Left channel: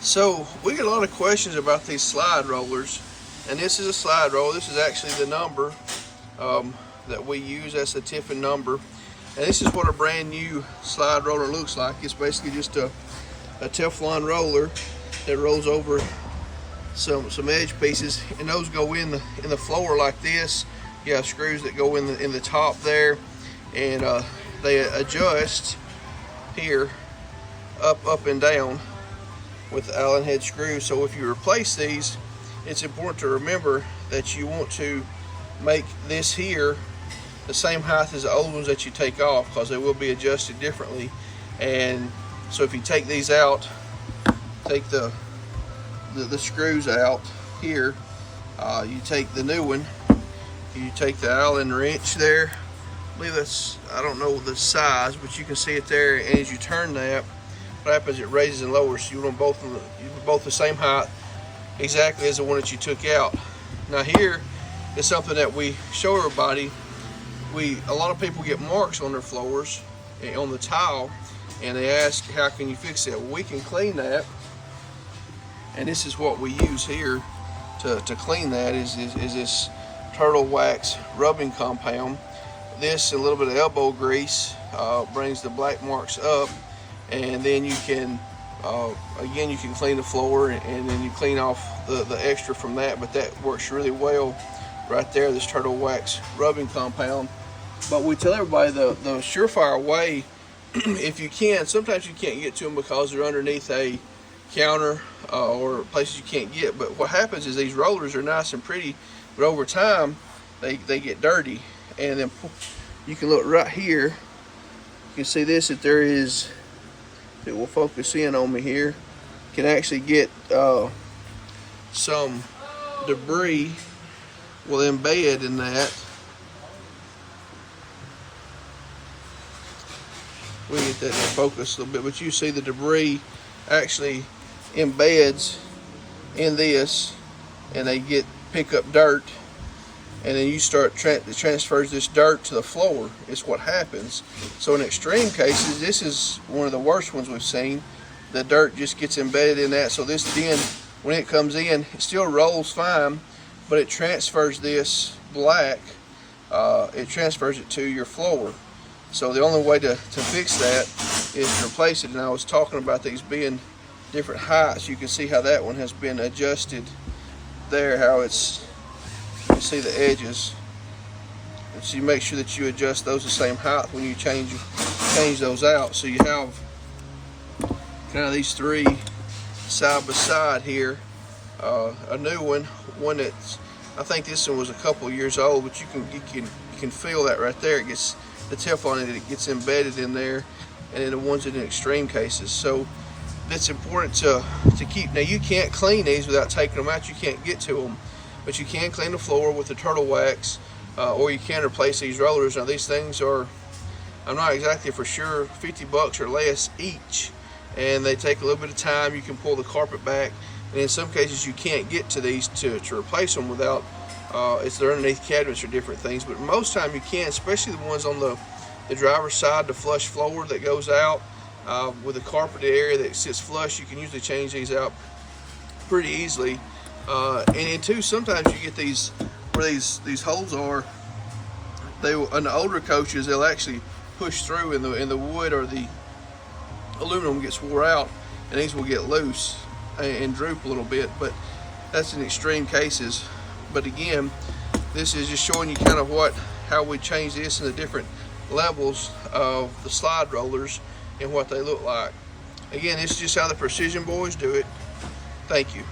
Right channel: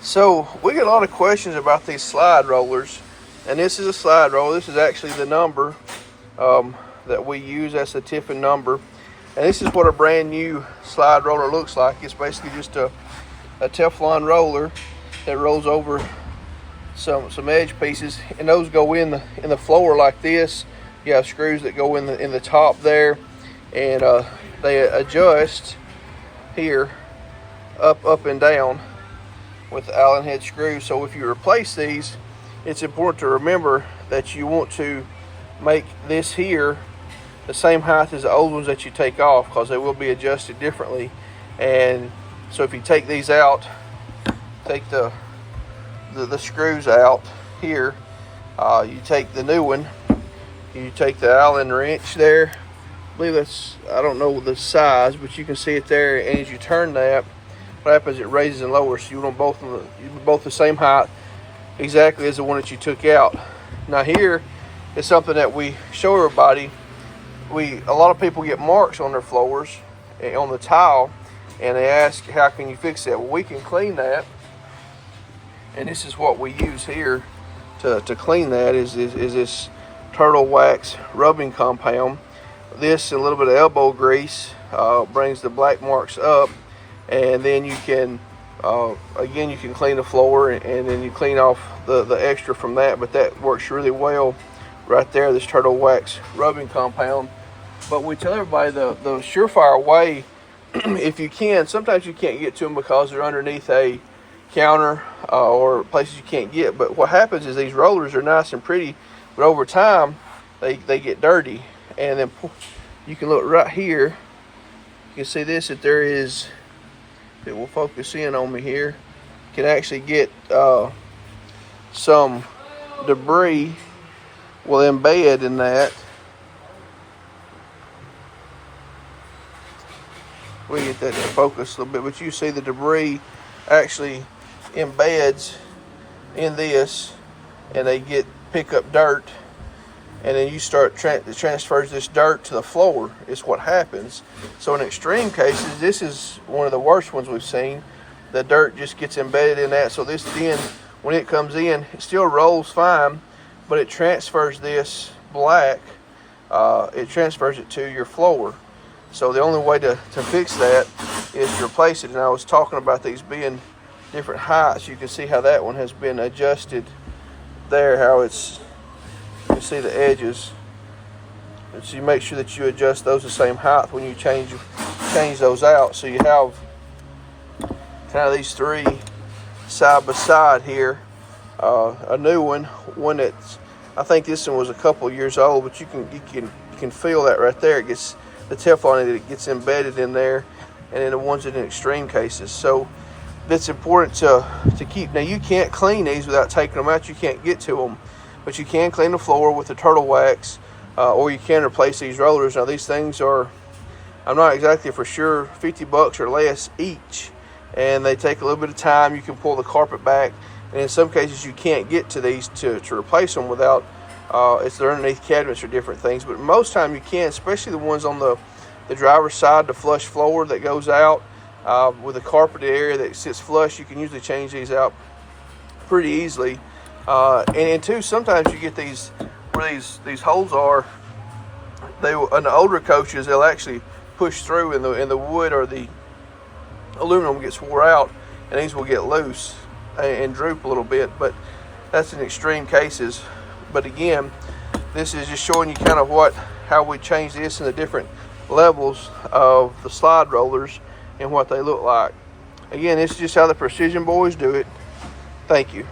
So we get a lot of questions about these slide rollers, and this is a slide roller. This is actually the number that we use. That's the Tiffin number, and this is what a brand new slide roller looks like. It's basically just a Teflon roller that rolls over some edge pieces, and those go in the floor like this. You have screws that go in the top there, and they adjust here up and down with the Allen head screws. So if you replace these, it's important to remember that you want to make this here the same height as the old ones that you take off, because they will be adjusted differently. And so if you take these out, take the screws out here, you take the new one, you take the Allen wrench there. I believe that's, I don't know the size, but you can see it there, and as you turn that, what happens, it raises and lowers, so you want them both the same height exactly as the one that you took out. Now here is something that we show everybody. A lot of people get marks on their floors on the tile, and they ask, how can you fix that? Well, we can clean that, and this is what we use here to clean that is this turtle wax rubbing compound. This and a little bit of elbow grease brings the black marks up, and then you can again, you can clean the floor, and then you clean off the extra from that. But that works really well right there, this turtle wax rubbing compound. But we tell everybody the surefire way, if you can, sometimes you can't get to them because they're underneath a counter or places you can't get. But what happens is these rollers are nice and pretty, but over time they get dirty. And then you can look right here, you can see this, that there is, it will focus in on me here, you can actually get some debris will embed in that. We get that in focus a little bit, but you see the debris actually embeds in this, and they pick up dirt, and then you start transfers this dirt to the floor is what happens. So in extreme cases, this is one of the worst ones we've seen. The dirt just gets embedded in that, so this then, when it comes in, it still rolls fine, but it transfers this black, it transfers it to your floor. So the only way to fix that is to replace it. And I was talking about these being different heights. You can see how that one has been adjusted there, how it's, you can see the edges. And so you make sure that you adjust those the same height when you change those out. So you have kind of these three side by side here. A new one that's, I think this one was a couple years old, but you can feel that right there. It gets the Teflon, it gets embedded in there, and then the ones in extreme cases. So it's important to keep. Now you can't clean these without taking them out. You can't get to them, but you can clean the floor with the turtle wax, or you can replace these rollers. Now these things are, I'm not exactly for sure, 50 bucks or less each, and they take a little bit of time. You can pull the carpet back, and in some cases you can't get to these to replace them without, they're underneath cabinets or different things. But most time you can, especially the ones on the driver's side, the flush floor that goes out with the carpeted area that sits flush. You can usually change these out pretty easily. And two, sometimes you get these where these holes are. They, in the older coaches, they'll actually push through, in the wood or the aluminum gets wore out, and these will get loose and droop a little bit. But that's in extreme cases. But again, this is just showing you kind of how we change this in the different levels of the slide rollers and what they look like. Again, this is just how the Precision Boys do it. Thank you.